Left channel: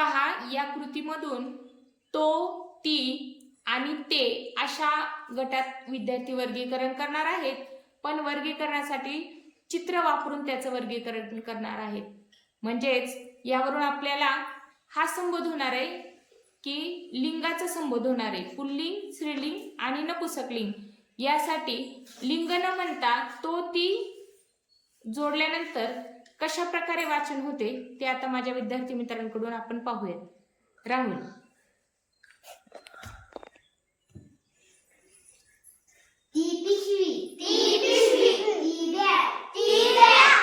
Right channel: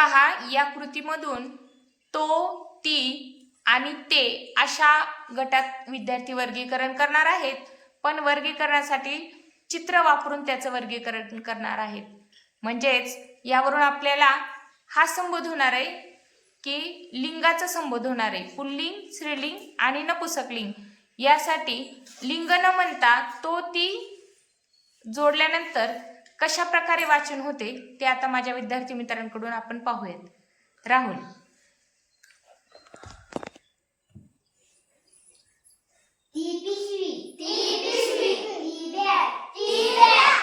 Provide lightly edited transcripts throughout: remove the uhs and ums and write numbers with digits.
पहा, या कृतीमधून तो, ती आणि ते अशा गटात विद्यार्थी वर्गीकरण करणार आहेत, पण वर्गीकरणासाठी चित्र वापरून त्याचं वर्गीकरण करणार आहेत. म्हणजेच यावरून आपल्याला हा संबोध होणार आहे की लिंगाचा संबोध होणार आहे, पुल्लिंग, स्त्रीलिंग आणि नपुंसकलिंग. यासाठी लिंग न म्हणता तो, ती जोडल्यानंतर कशा प्रकारे वाचन होते ते आता माझ्या विद्यार्थी मित्रांकडून आपण पाहूयात. राहुल. ती पिशवी, ती पिशवी, ती बॅग, ती बॅग,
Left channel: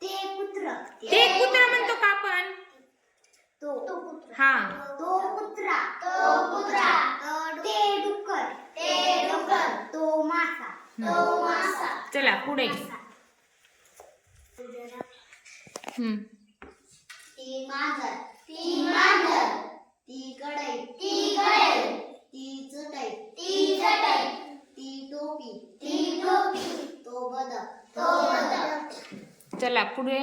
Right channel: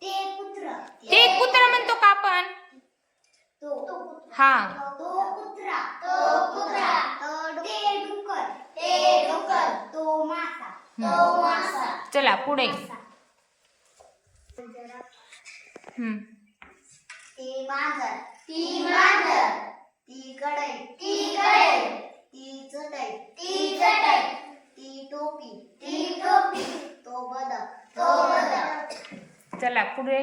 ते कुत्र, ते कुत्रा म्हणतो का आपण? तो, हा, तो कुत्रा, ते डुक्कर, तो मासा, चला पुढे. ते मांजर, ती कढई, ती चटई, ती टोपी, तो बदक, चला पुढे.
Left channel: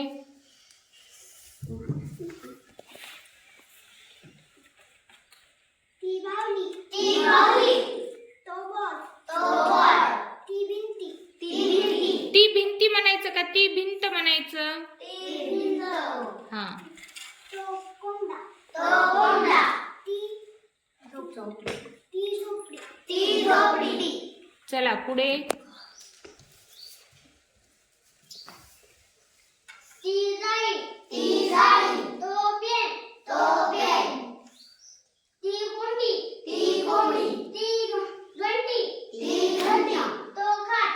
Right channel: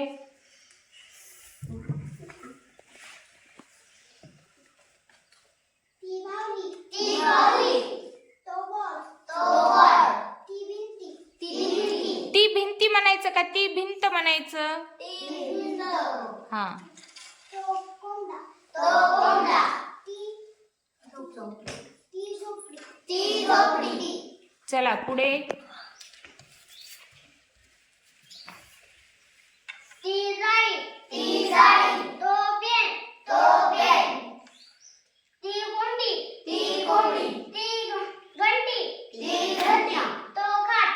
ती बाहुली, तो बॉल, ती भिंती, ती भिंती म्हणायचं का ती भिंत म्हणायचं? हा, तो कोंबडा, ती झोपडी, चला पुढे. ती जाळी, तो पेन, ती कोंडी, ती घंटी, तो खाट,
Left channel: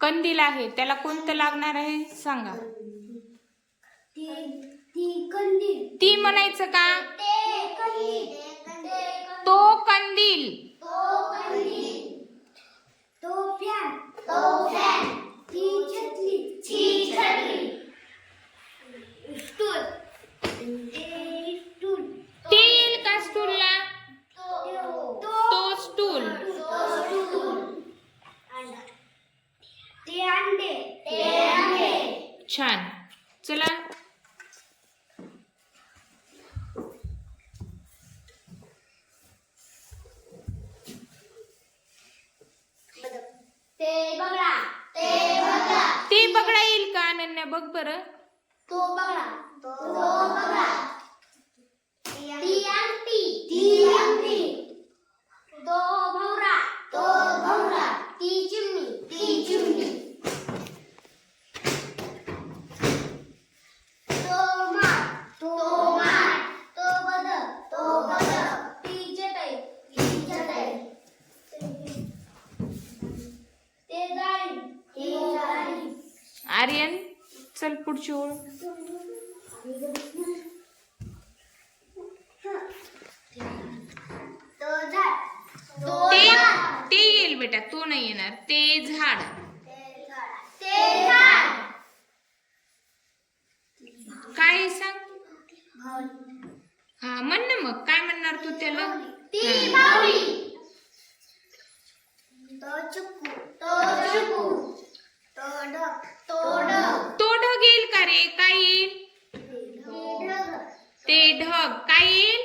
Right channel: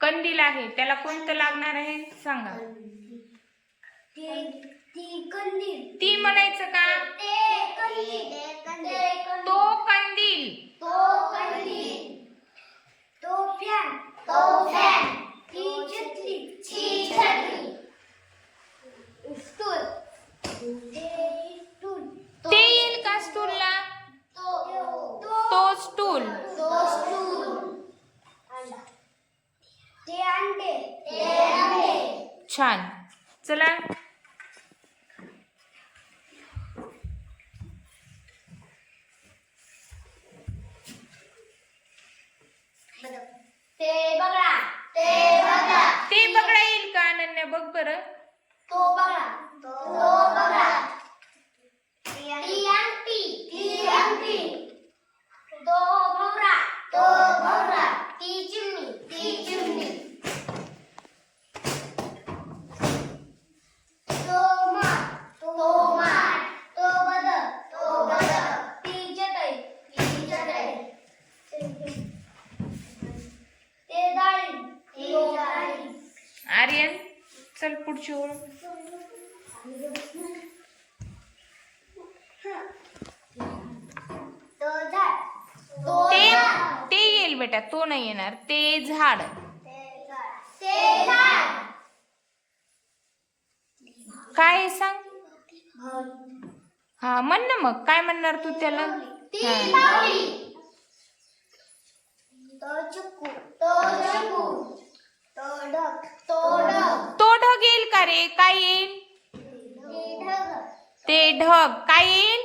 कंदील आहे, त्याला कोणतं लागणार आहे सांगा? ती कंदील, ती म्हणायचं का? तो कंदील, तो फॅन, ती छत्री, स्टूल, ते येईल का स्टूलला? तो स्टूल. ते अंडे, छान. चला ते बघा, ते बघा येईल का अनन्या? बघ बरं. तो बघा, ती अंगठी, तो भवरा, ती चिमणी, तो माठ, तो बदक, ती चटई, ते जाळी, आर्यन चल पुढची ओळ. तो झाड, ते येईल बेटा, तो नाही येणार. ते झाड. काय सांग? हा म्हण ना मग, काय म्हणणार तू त्याला? हा. तो चिक्कू, तो ढग येईल का रे? काय येईल? ते ढग. काय येईल?